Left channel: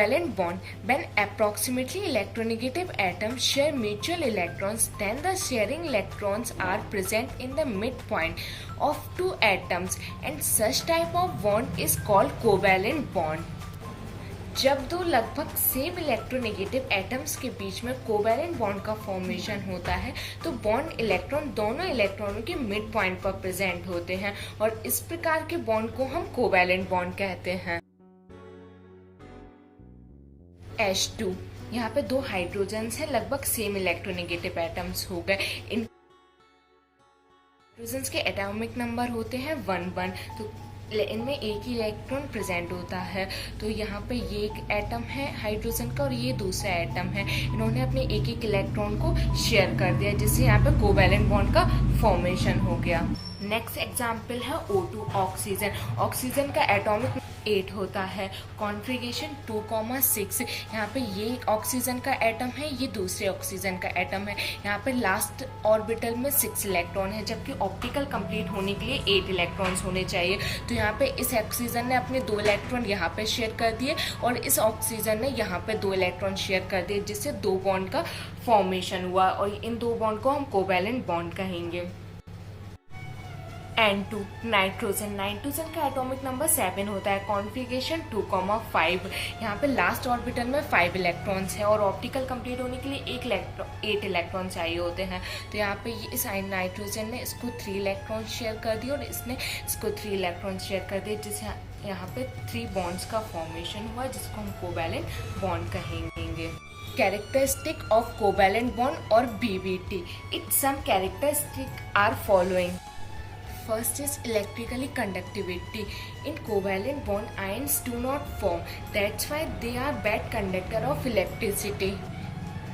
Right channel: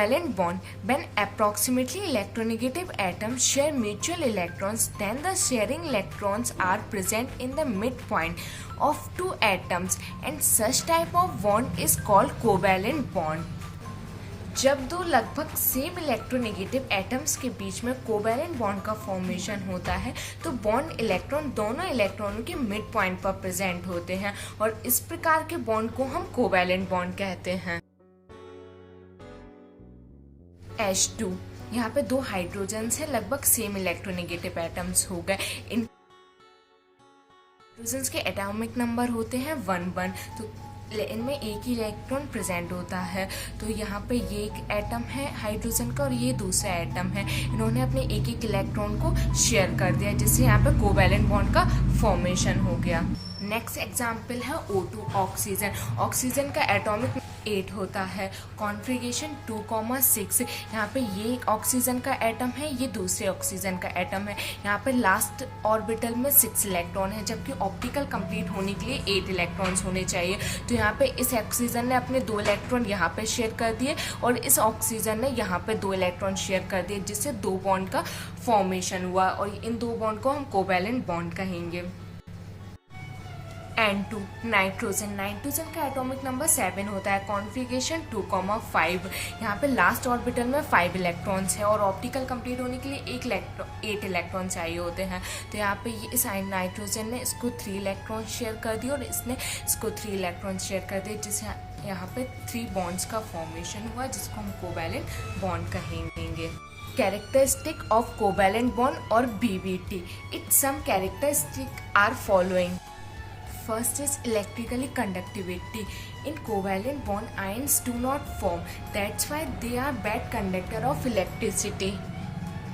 Covalent bond. When approximately electronegative atoms share mutual electrons, then the sharing electrons are present in the midpoint of two atoms, and such type of bond is called covalent bond. जब दो लगभग same electronegative atoms के बीच में covalent bond का formation होता है तो bond electron दोनों इलेक्ट्रॉनों के मिड पॉइंट पर प्रेजेंट होते हैं और इस प्रकार के बॉन्ड को हम कोवैलेंट बॉन्ड कहते हैं। H2 यहाँ पे दो हाइड्रोजन है, लगभग सेम इलेक्ट्रोनेगेटिव एटम्स हो गए। इन हाइड्रोजन के एटॉमिक नंबर होते हैं 1 तो इनमें एक ही इलेक्ट्रॉन प्रेजेंट होता है। तो यहाँ पे ये एक एटम है हाइड्रोजन का और ये दूसरा एटम है, इन्होंने अपने एक एक इलेक्ट्रॉन को शेयर कर दिया जिससे यहाँ पे कोवैलेंट बॉन्ड का फॉर्मेशन हो गया। नेक्स्ट एग्जाम्पल है O2 ऑक्सीजन। ऑक्सीजन का एटॉमिक 8 होता है, कॉन्फ़िगरेशन 2,6। यहाँ पे ये ऑक्सीजन का एटम है, ये दूसरे ऑक्सीजन का एटम है। यहाँ पे लास्ट ऑर्बिटल में 6 इलेक्ट्रॉन है जबकि ऑप्टिकल कंप्लीट होने के लिए 8 इलेक्ट्रॉन्स होने चाहिए। तो यहाँ पे इस ऑक्सीजन ने अपने 2 इलेक्ट्रॉन यहाँ पे शेयर कर दिए और इस ऑक्सीजन ने यहाँ पे 2 इलेक्ट्रॉन शेयर कर दिए जिससे 2 बॉन्ड का फॉर्मेशन हुआ और इन 2 बॉन्ड को हम कोवैलेंट बॉन्ड कहेंगे। N2 nitrogen. नाइट्रोजन का एटॉमिक नंबर 7 होता है, कॉन्फ़िगरेशन 2,5। यहाँ पे लास्ट ऑर्बिटल में 5 इलेक्ट्रॉन्स है और ऑप्टिकल कंप्लीट होने के लिए 8 इलेक्ट्रॉन चाहिए होते हैं। तो यहाँ पे इस नाइट्रोजन ने इसको 3 इलेक्ट्रॉन शेयर कर दिए और इसने इसको 3 इलेक्ट्रॉन शेयर कर दिए जिससे यहाँ पे 3 बॉन्ड्स का फॉर्मेशन हुआ जिसको हम कोवैलेंट बॉन्ड कहेंगे। कैरेक्टरिस्टिक ऑफ कोवैलेंट बॉन्ड और BBT। Its some characteristic are following. First is electrically conductivity. In covalent bond, ions do not form. That's why they are bad conductor of electricity.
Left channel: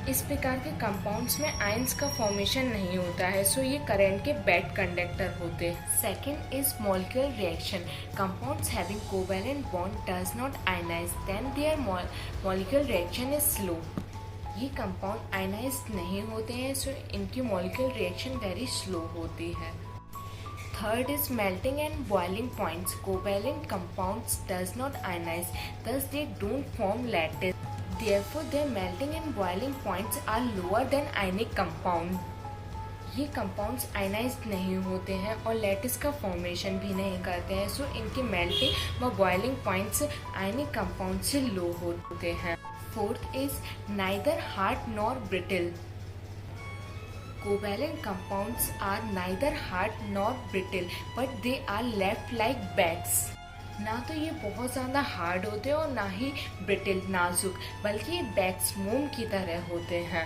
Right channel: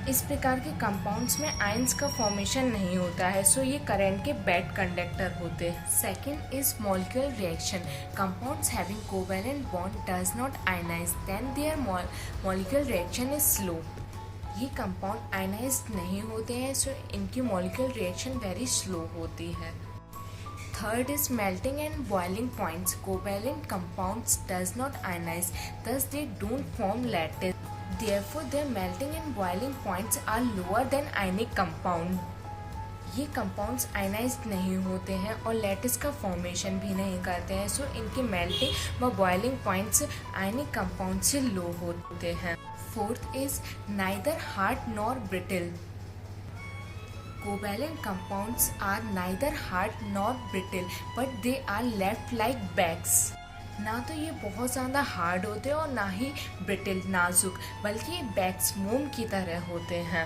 इस प्रकार के compounds में ions का formation नहीं होता है, सो ये करंट के बैड कंडक्टर होते हैं। Second is molecular reaction. Compounds having covalent bond does not ionise, then their molecular reaction is slow. ये कंपाउंड आयनाइज नहीं होते हैं, सो इनकी मॉलिक्यूलर रिएक्शन वेरी स्लो होती है। Third is melting and boiling points. Covalent compounds does not ionize, thus they don't form lattice. Therefore, their melting and boiling points are lower than ionic compound. ये compounds ionise नहीं होते हैं और lattice का formation भी नहीं करते हैं, सो इनके मेल्टिंग व बॉइलिंग पॉइंट्स आयनिक कंपाउंड से लो होते हैं। Fourth is neither hard nor brittle. Covalent compounds are neither hard nor brittle, but they are left like bags. ना तो ये बहुत ज़्यादा हार्ड होते हैं और ना ही ब्रिटल नाजुक, बल्कि बैग्स मोम की तरह होते हैं।